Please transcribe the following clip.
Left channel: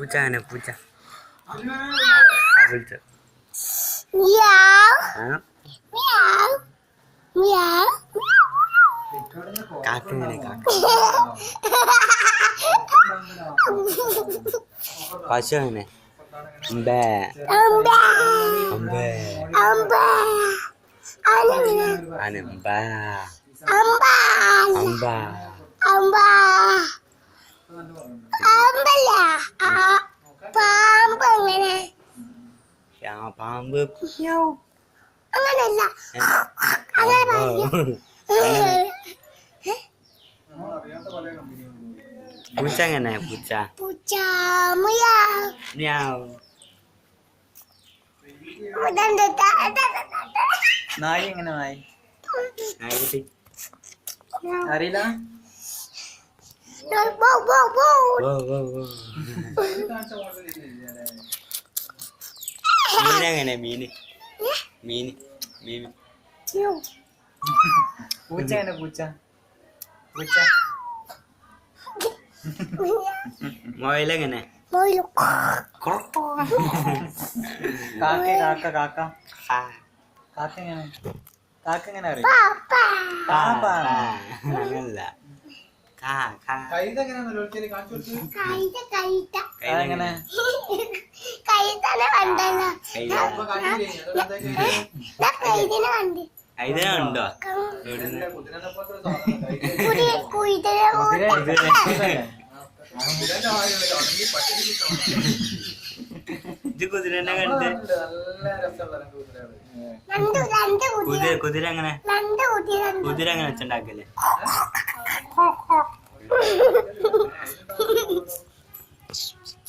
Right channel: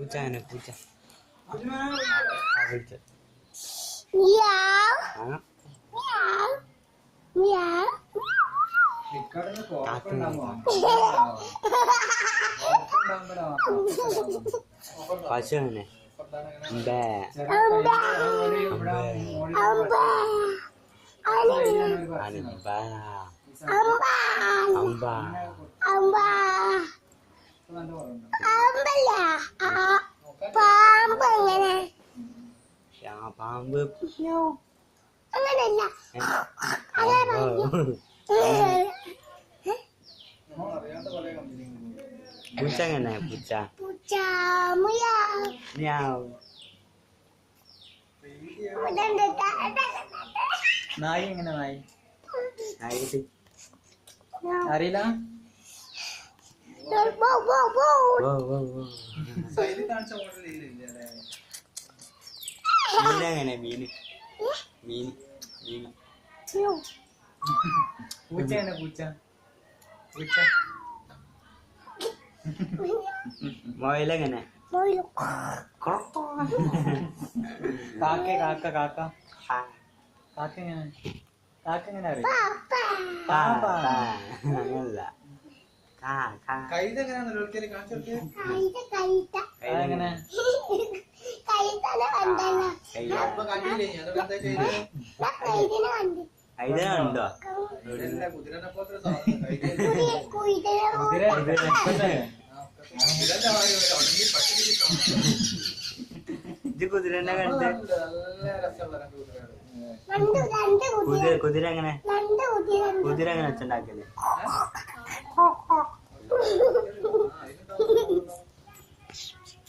പൂച്ച അങ്ങനെ പൂച്ച വിളിച്ച കാക്കങ്ങനെ പശു അങ്ങനെ പാമ്പ് അങ്ങനല്ല പൂച്ച എങ്ങനെ പൂച്ച പൂച്ച നായി എങ്ങനെ നായി അറിയില്ല മീനെങ്ങനെ മീന് മീന് മീന് പൂച്ച എങ്ങനെ പൂച്ച പൂച്ച മൊയിലെങ്ങനെ കാക്ക കാക്ക കാക്ക കാക്ക എങ്ങനെ കാക്ക എങ്ങനെ അറിയാം അങ്ങനല്ല എങ്ങനെ കൈതനുണ്ടോ ഇത് കുതിരനെ കണ്ട് കുതിര എങ്ങനെ കുതിര എങ്ങനെ വെച്ചുണ്ടാക്കല്ലേ